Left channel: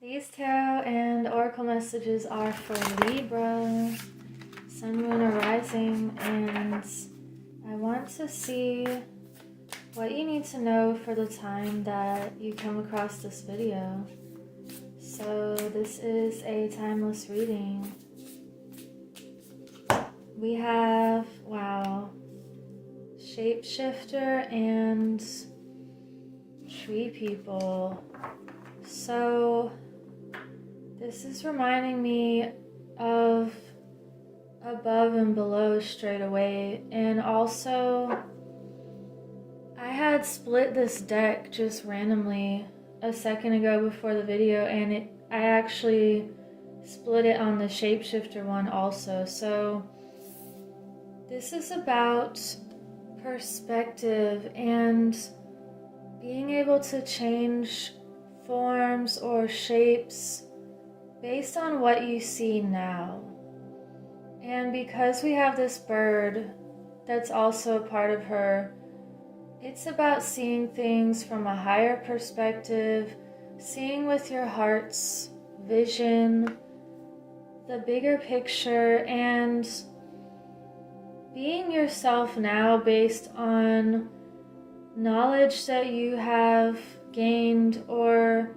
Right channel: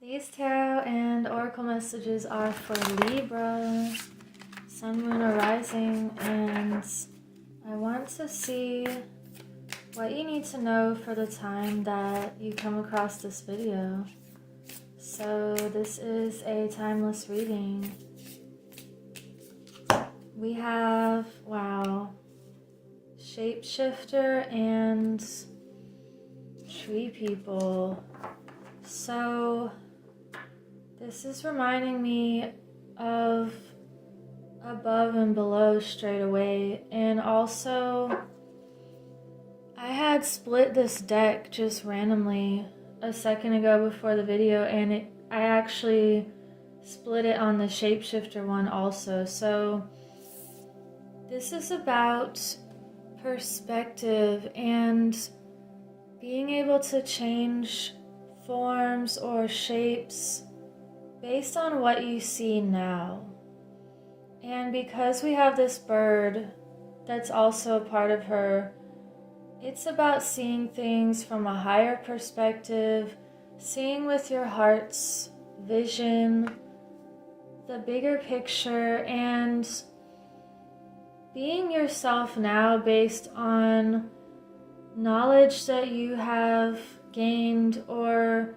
These tarot and oracle messages are for Libra, Sun, Moon, or Rising, and I want to see what you need to know for the time that you come across this video. So this is a timeless reading. We have, wow, shapeshifter and tree people. So this is reminding me of above and below straight away, and also I had split this deck just randomly a second ago before the video, and I actually split it on the shapeshifter one also. So this is about perspective and being able to change forms or shapes based on what you see now. And because we have this bird that's also a part of her, it's about seeing things from a higher perspective, seeing with your heart's vision, the bigger picture, and being yourself now based on knowledge that you have gained or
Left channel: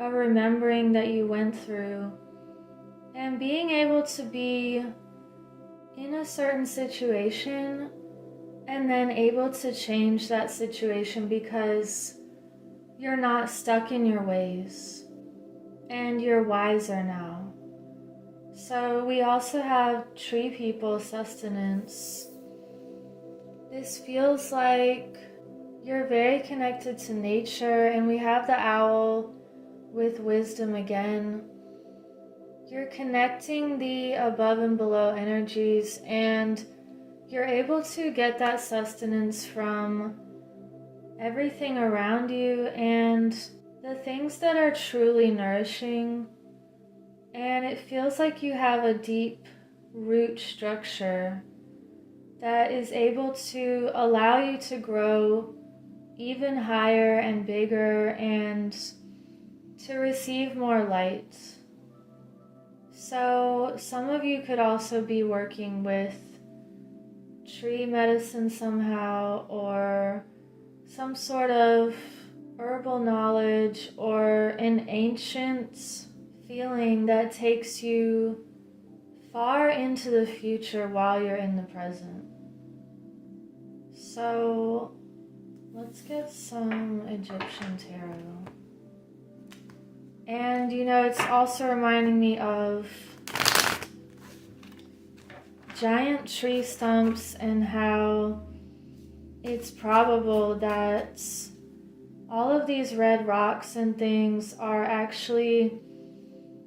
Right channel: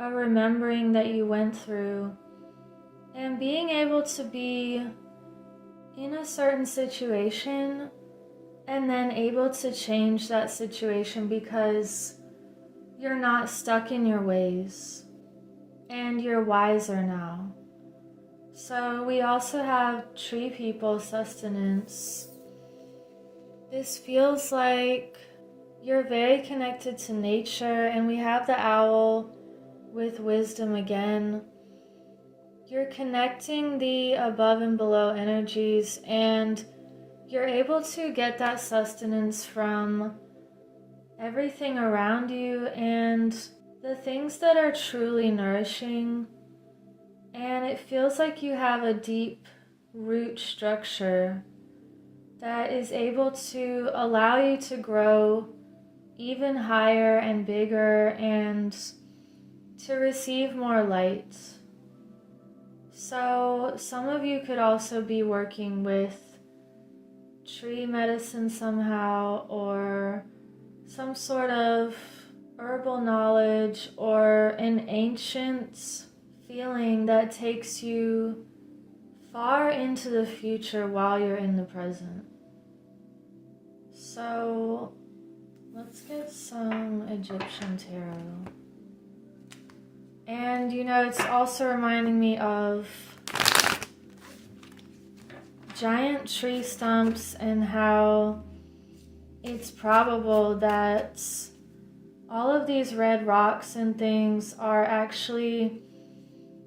a remembering that you went through, and being able to be in a certain situation and then able to change that situation because you're not stuck in your ways and you're wiser now. So we also have tree people, sustenance. This feels like you're very connected to nature, and we have the owl with wisdom again. You're connecting the above and below energies, and you're able to get that sustenance from everything around you and the things that are truly nourishing. And it feels like you have a deep root structure that is able to allow you to grow even higher and bigger and to receive more light. So some of you could also be working with tree medicine somehow, or some sort of herbal knowledge, or an ancient feeling that takes you far into the future while you're in the present. So let's get some Egyptian tarot. And it's also reminding me of giant tree stumps and how it's probable that all of these red rocks and things are actually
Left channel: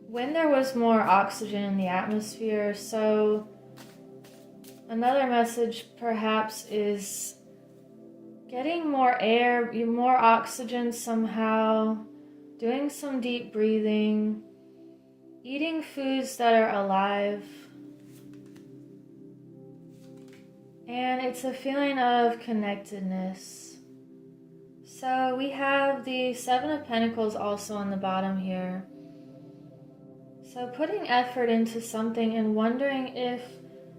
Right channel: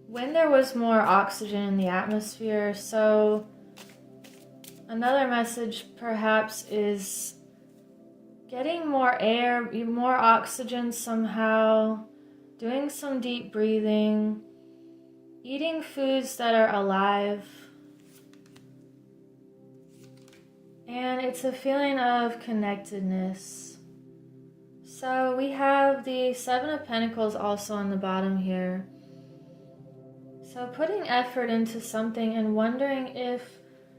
when there was more oxygen in the atmosphere. So another message perhaps is getting more air, more oxygen somehow, doing some deep breathing, eating foods that are alive. And it's a feeling of connectedness. So we have the Seven of Pentacles also on the bottom here. So putting effort into something and wondering if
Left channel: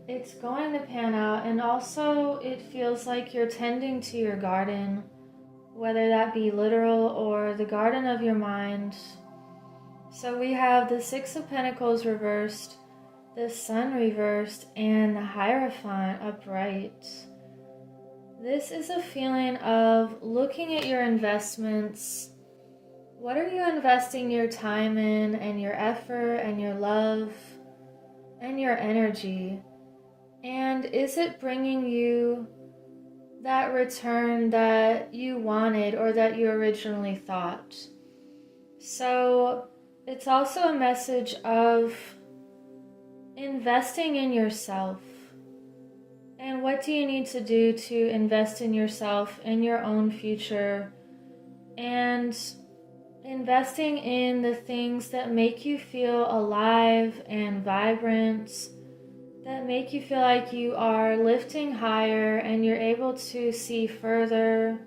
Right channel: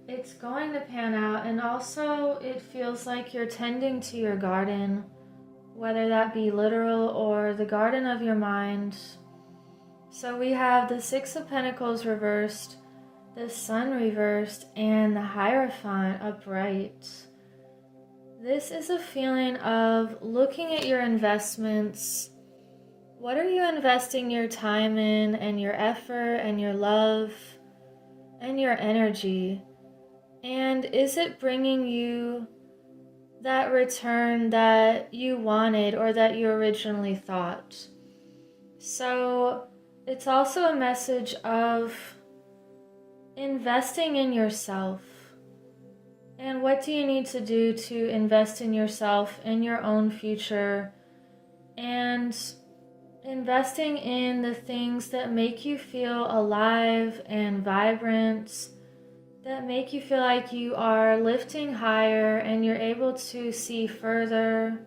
it's going to pan out, and also it feels like you're tending to your garden, whether that be literal or the garden of your mind. So we have the Six of Pentacles reversed, the Sun reversed, and the Hierophant upright. This is a feeling of looking at your investments. What are you investing your time in, and your effort, and your love, and your energy? And is it bringing you that return that you wanted or that you originally thought? So it's also a message of investing in yourself. And what do you need to do to invest in yourself, in your own future, and investing in the things that make you feel alive and vibrant, that make you feel like you are lifting higher and you're able to see further.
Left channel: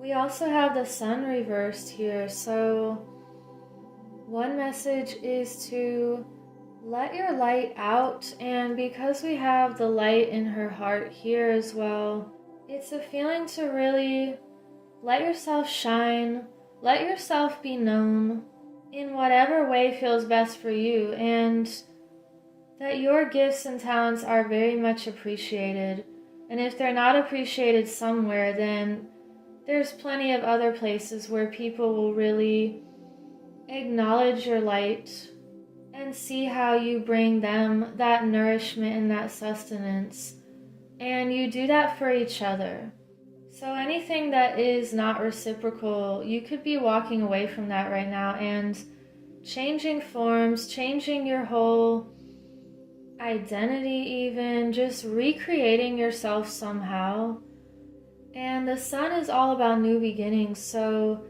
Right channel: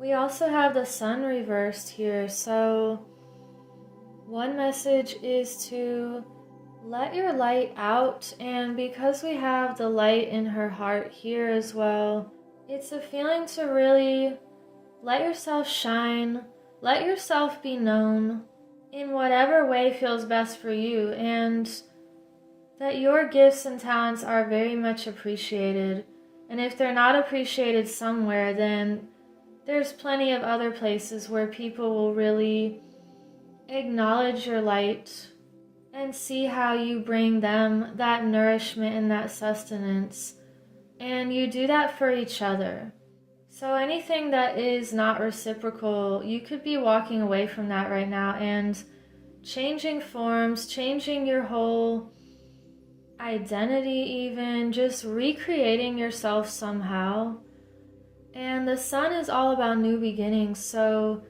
We also have the Sun reversed here, so One message is to let your light out, and because we have the light in her heart here as well, it's a feeling to really let yourself shine, let yourself be known in whatever way feels best for you, and that your gifts and talents are very much appreciated. And if they're not appreciated somewhere, then there's plenty of other places where people will really acknowledge your light and see how you bring them that nourishment and that sustenance. And you do that for each other. So anything that is not reciprocal, you could be walking away from that right now and changing forms, changing your whole identity even, just recreating yourself somehow. And the sun is all about new beginnings, so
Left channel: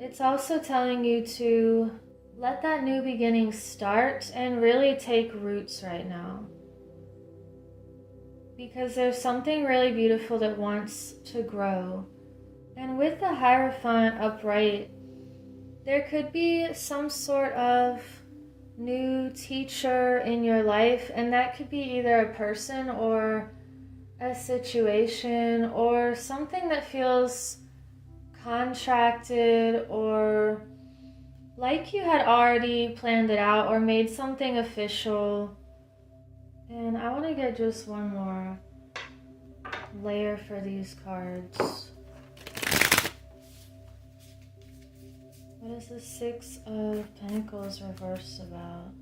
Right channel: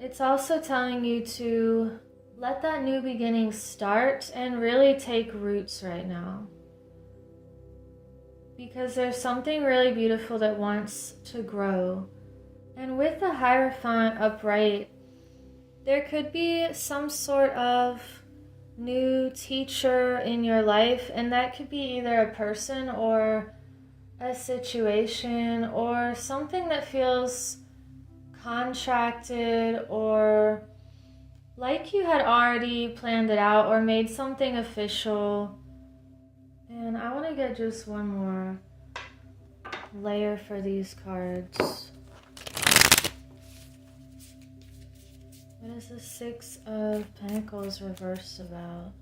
it's also telling you to let that new beginning start and really take roots right now. Because there's something really beautiful that wants to grow. And with the Hierophant upright, there could be some sort of new teacher in your life, and that could be either a person or a situation or something that feels contracted or like you had already planned it out or made something official. And I want to get just one more layer for these cards. What is the Six of Pentacles reversed about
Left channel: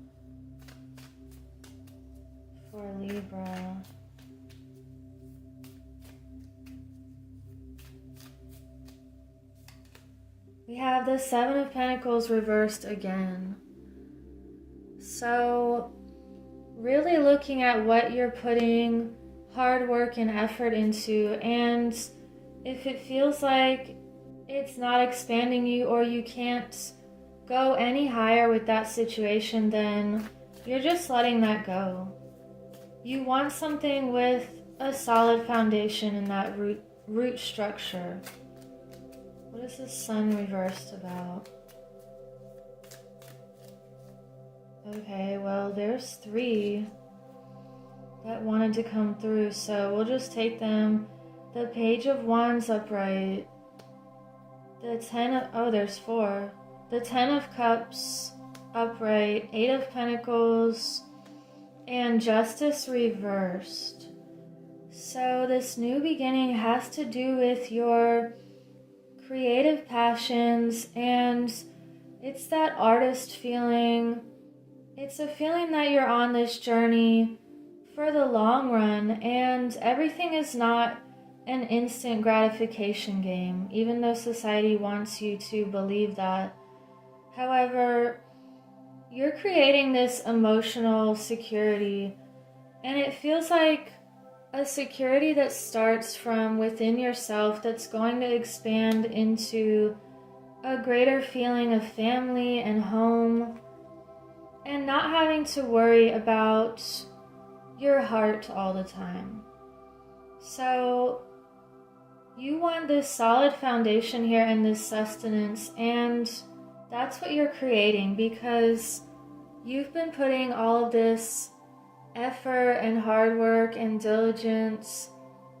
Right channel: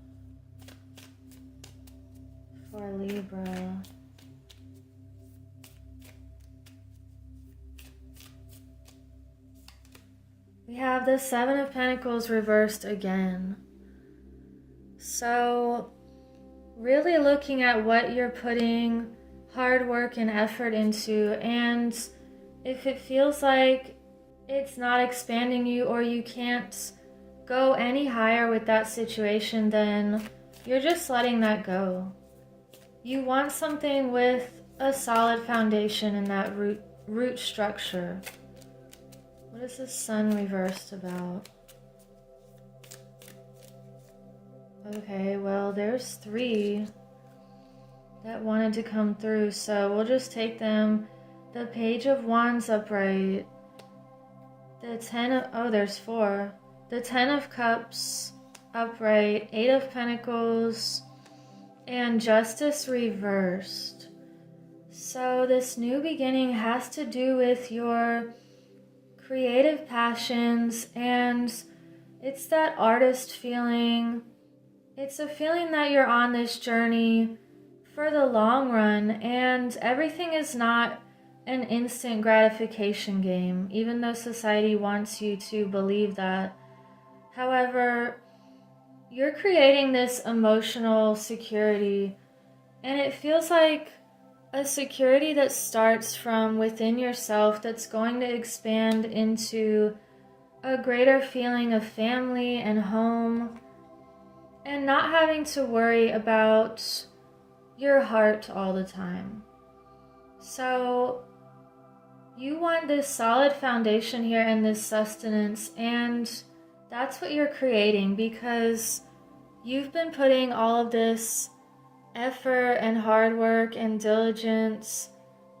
for Libra? We have the Seven of Pentacles reversed again. So really looking at what you're putting hard work and effort into, and if it feels like it's not expanding you or you can't go any higher with that situation, then you're just letting that go. You want something with a solid foundation in that root structure. What is the Sun reversed about? Okay, well, there's three that wanted to come through, so we'll just take them. The Page of Wands upright. The there's four. The Ten of Cups upright. Eight of Pentacles. And Justice reversed. So this new beginning has to do with your creative passions, and it's that artist feeling. It's a feeling that you're on this journey for the long run, and everything is not an instant gratification game, even though society wants you to believe that. However, you're creating this emotional security, and it feels like a security that starts from within yourself that's going to expand into a greater feeling of family and home, and not having to worry about your heart all the time. So you want this solid foundation here and this sustenance, and that's what you're creating because you've been putting all of this effort and hard work and diligence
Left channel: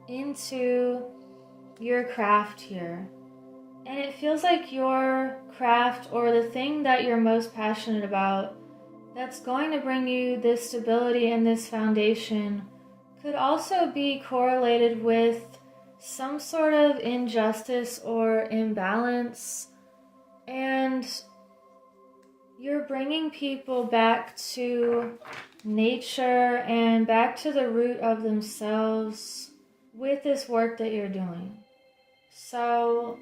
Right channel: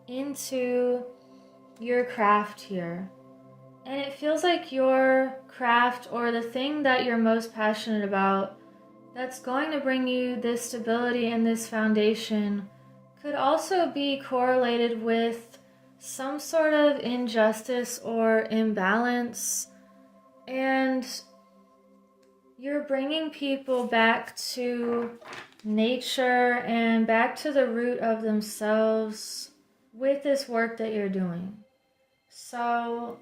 into your craft here. And it feels like your craft, or the thing that you're most passionate about, that's going to bring you this stability and this foundation, could also be correlated with some sort of injustice or imbalance. And you're bringing people back to nature and back to the root of themselves with this work that you're doing. So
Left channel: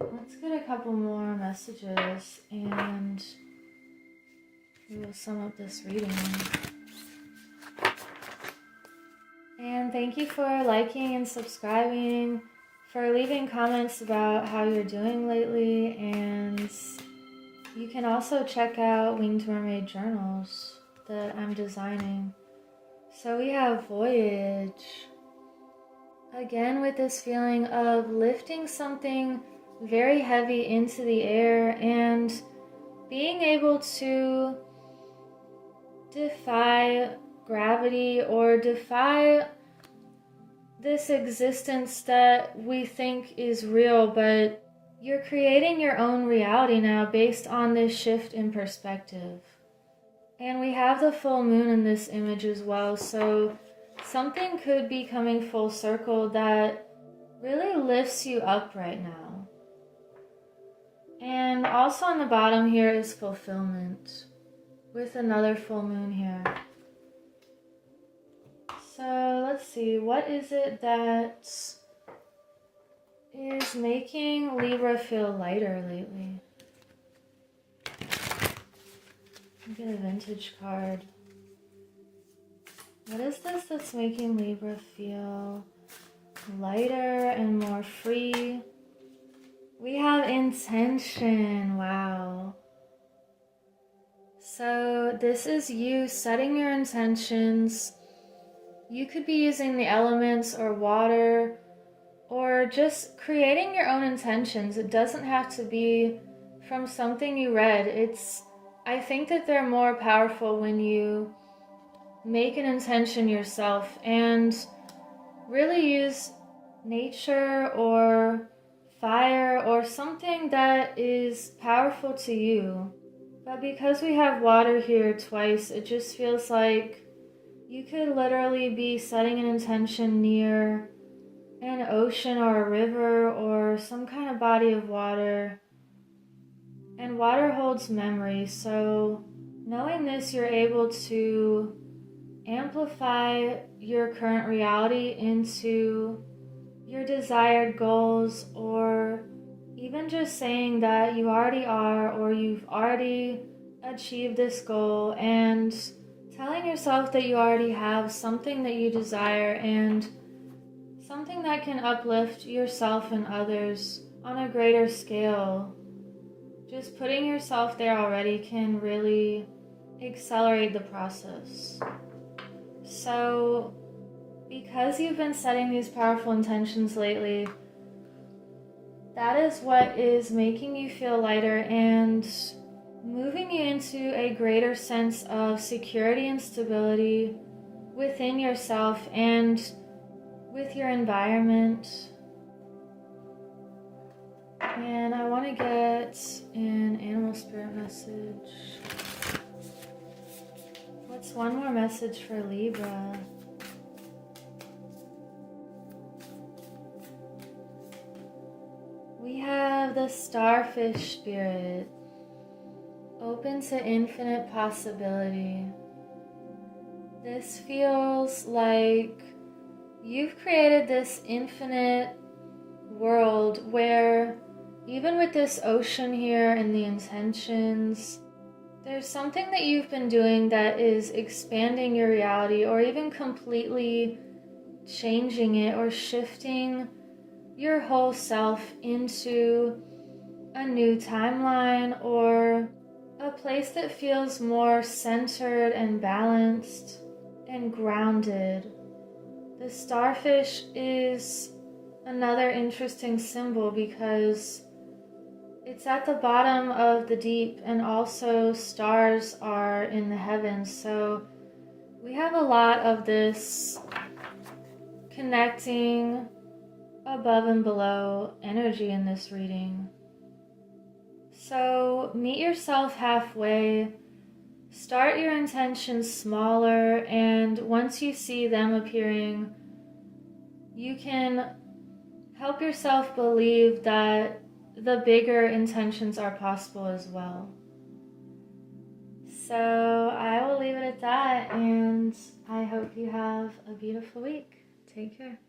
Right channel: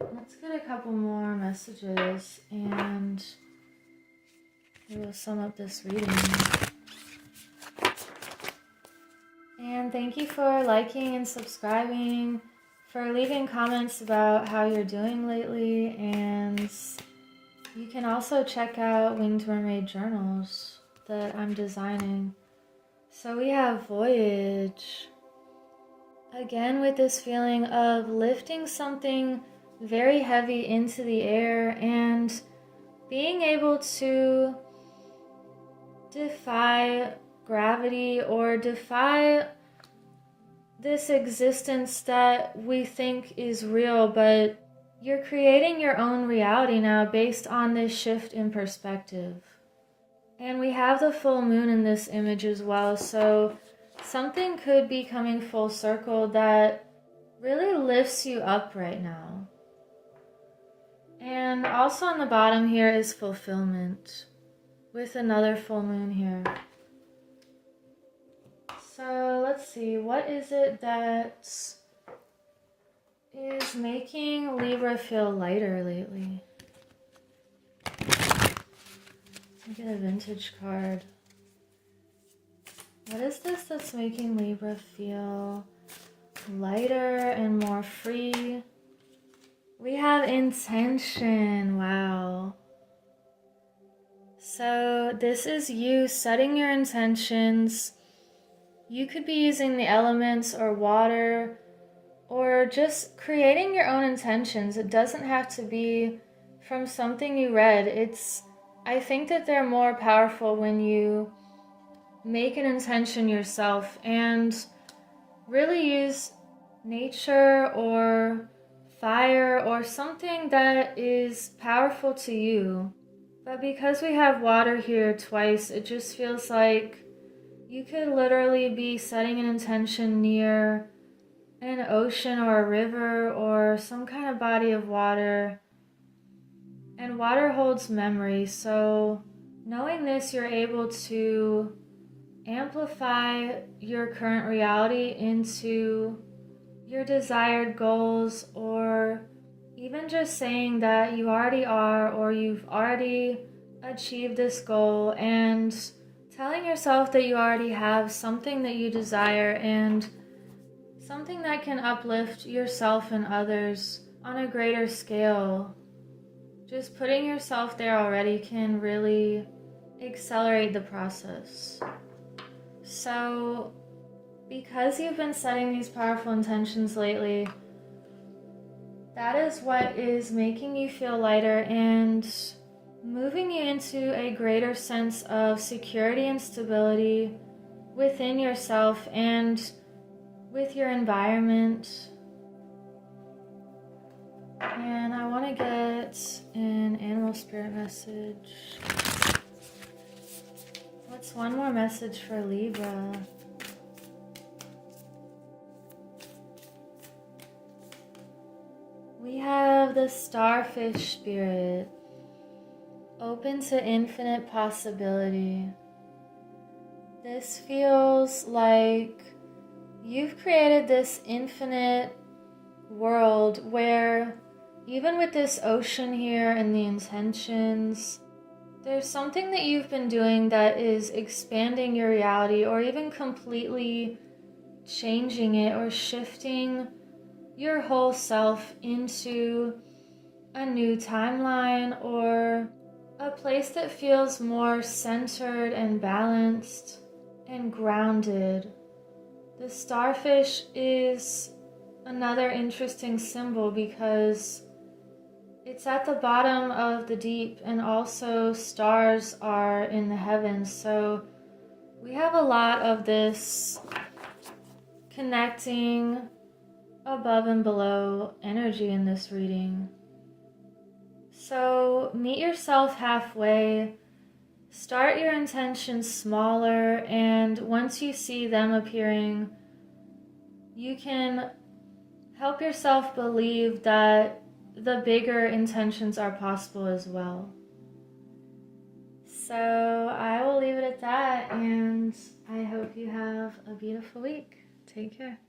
let's get a couple more messages and we'll sum up this reading. And thank you for liking and subscribing, for leaving comments about how you're doing lately, and you can also check out Winged Mermaid journals that I'm designing. So we have Voyage. Again, with this feeling of lifting something very heavy into the air, and being able to defy gravity or defy this existence that we think is real, but you're creating your own reality now based on this shift in perspective. And we have the full moon in this image as well, so something could be coming full circle that really lifts you up right now. And also on the bottom here is fulfillment with another full moon here. So let's see, what is it that is making Libra feel lighter lately? I get a vintage card. What is this that's making Libra feel lighter and more free? We have intention. Wow. So this is you setting your intentions. You could be using the elements or water or just creating your own intentions. It doesn't have to be from something you read. I think that they're more powerful when you make an intention yourself and really use nature or fire or something that is powerful to you. But because we have water here twice, it just feels like you could literally be setting an intention near an ocean or a river or some kind of body of water. And water holds memory, so knowing this, you're able to amplify your current reality into your desired goals, or even just saying that you already are or you've already achieved this goal, and telling yourself that you already have something that you desire and something that can uplift yourself and others on a greater scale. Just putting yourself there already can really accelerate the process. So, because you've been setting these powerful intentions lately, that is what is making you feel lighter and moving you into a greater sense of security and stability within yourself and with your environment. And I want to get an animal spirit message. What's one more message for Libra? We have the starfish spirit, open to infinite possibility. This feels like you've created this infinite world where even with this ocean here and the intentions, there's something that you've been doing that is expanding your reality or even completely changing it or shifting your whole self into a new timeline or a place that feels more centered and balanced and grounded. The starfish is another interesting symbol because it's at the bottom of the deep, and also stars are in the heavens. So we have a lot of this connecting above and below energy in this reading. So meet yourself halfway. Start your intentions smaller, and once you see them appearing, you can help yourself believe that the bigger intentions are possible as well. So I will leave it at that, and I hope you have a beautiful week. Take care.